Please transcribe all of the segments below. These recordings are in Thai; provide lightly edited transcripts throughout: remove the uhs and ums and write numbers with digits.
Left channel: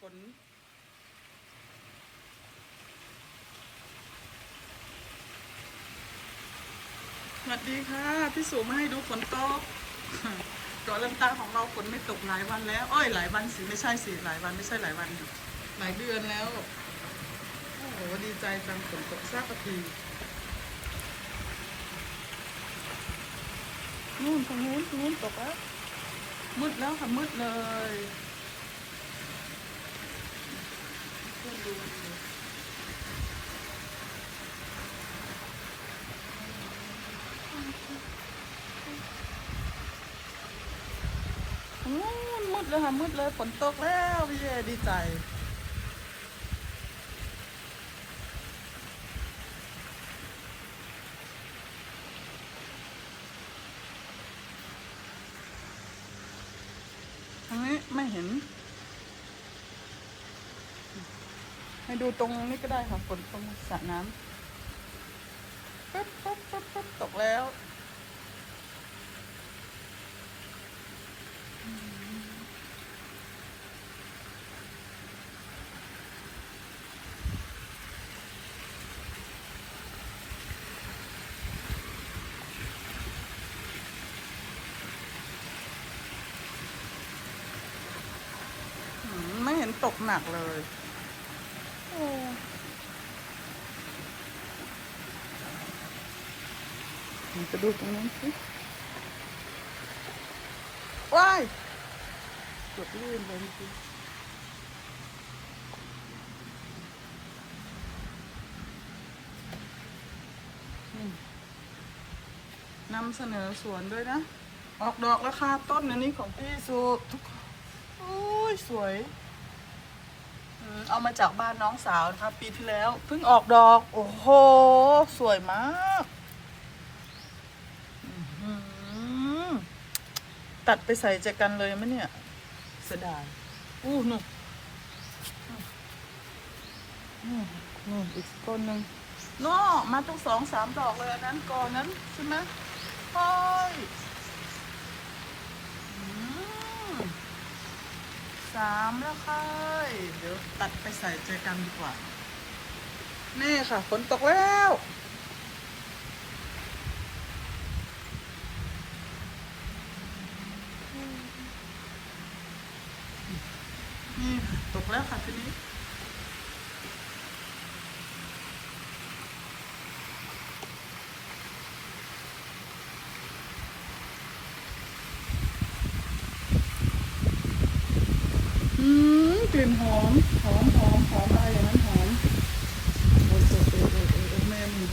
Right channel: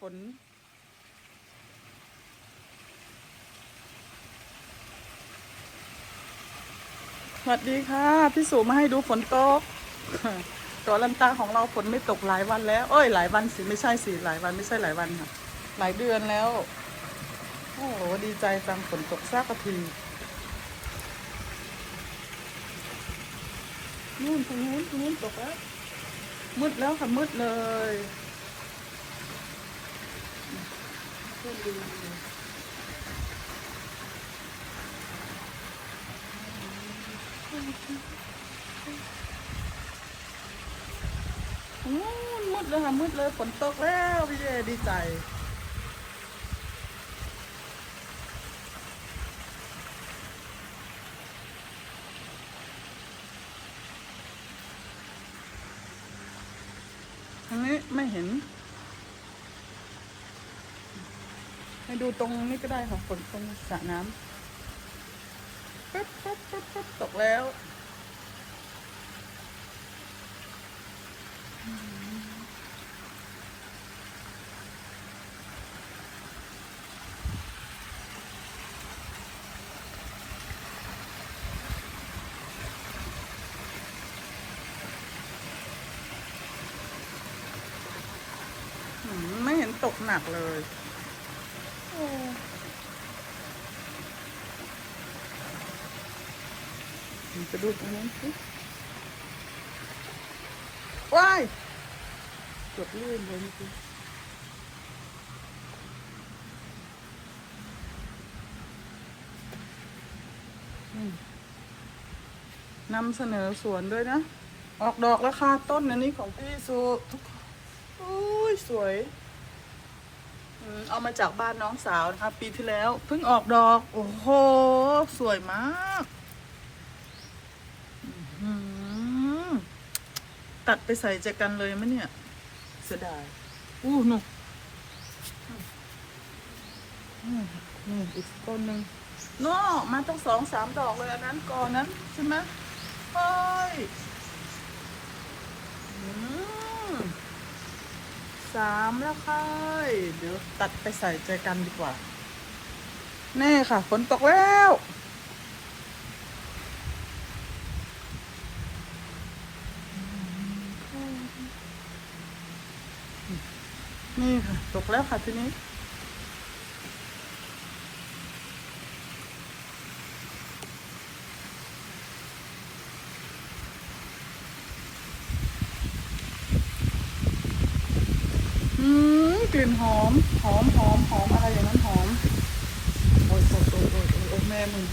ฝนสวัสดีค่ะพี่สุมาให้ดูฝนตกตัวลันตาของเราฝนไม่ตกหลายวันแล้วหลายวันสิไม่ใช่สิหลายวันไม่ใช่หลายวันค่ะหลายเดือนแล้วโอ้โหดีใจจังฝนตกสักทีนู่นตรงนู้นตกแล้วมืดแล้วค่ะมืดเลยก็ดูมืดเลยค่ะมืดเลยฝนตกแล้วพี่เอดีใจทางนี้ไม่เห็นให้ดูตรงนี้ก็ได้ค่ะฝนตรงสระน้ำปั๊บตกแล้วไม่เห็นตกหนักเลยจะดูตรงนี้สิว้ายเกือบลื่นเลยจริงนำเสนอสวนด้วยนะ ออกดอกราคาต้นอันนี้ของพี่สุทุกโอ้ยสวยเอามาจากบ้านน้องสาวนะคะปีที่แล้วเพิ่งออกดอกโอ้โหสวยมากตัดไปใส่ใจกันเลยไหมเนี่ยเสียดายนู่นอีกต้นหนึ่งน้อมาต้อง2-3 ดอกเลยอันนั้นก่อนนั้นใช่ไหมโอ้ย3แล้วค่ะเดี๋ยวตัดไปใส่ใจกันดีกว่าแน่ค่ะฝนตกแล้วนี่ค่ะตกแล้วค่ะทีนี้กลิ่นหอมอะไรอย่างนั้นหอมโอ้แม่มึง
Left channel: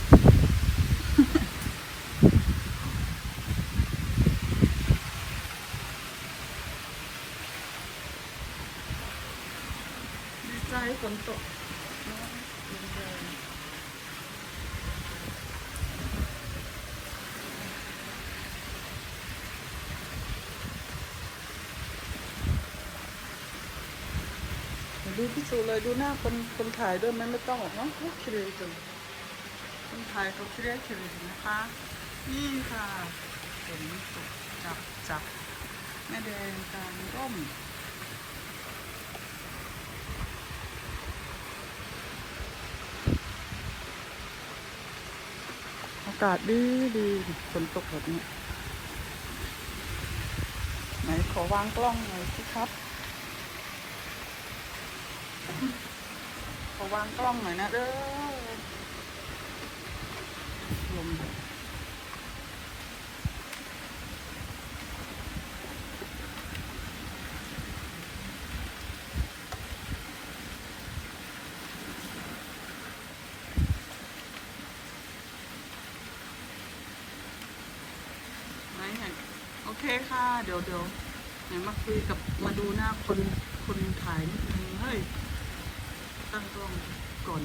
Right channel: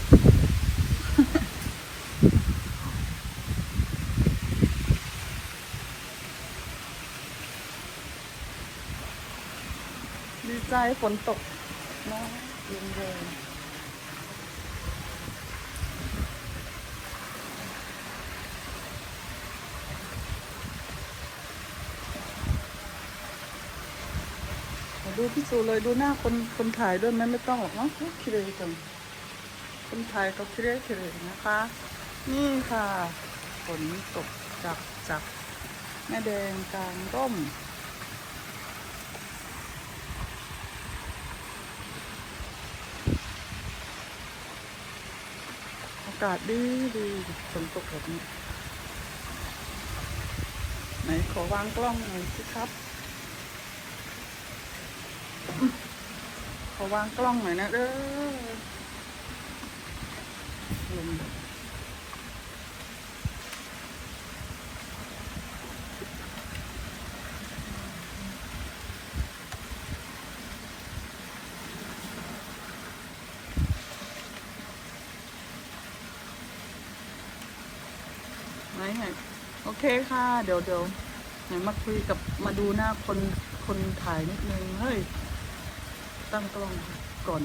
ดีใจฝนตกนะดูพี่สูเลยดูหน้าคนถ่ายด้วยนั้นไม่ต้องหรอกเนาะคิดเลยจังคนถ่ายเขาคิดเลยนะคะนี่ค่ะฝนตกจากแม่แดงกลางร่มอากาศดีฝนตกแบบนี้ไหนขอวางกล้องหน่อยสิครับขอวางกล้องหน่อยนะเด้อลมไหนโอเคค่ะเดี๋ยวไหนมาคุยกับมาดูหน้าคนถ่ายนิดนึงเฮ้ยตั้งกล้องก่อน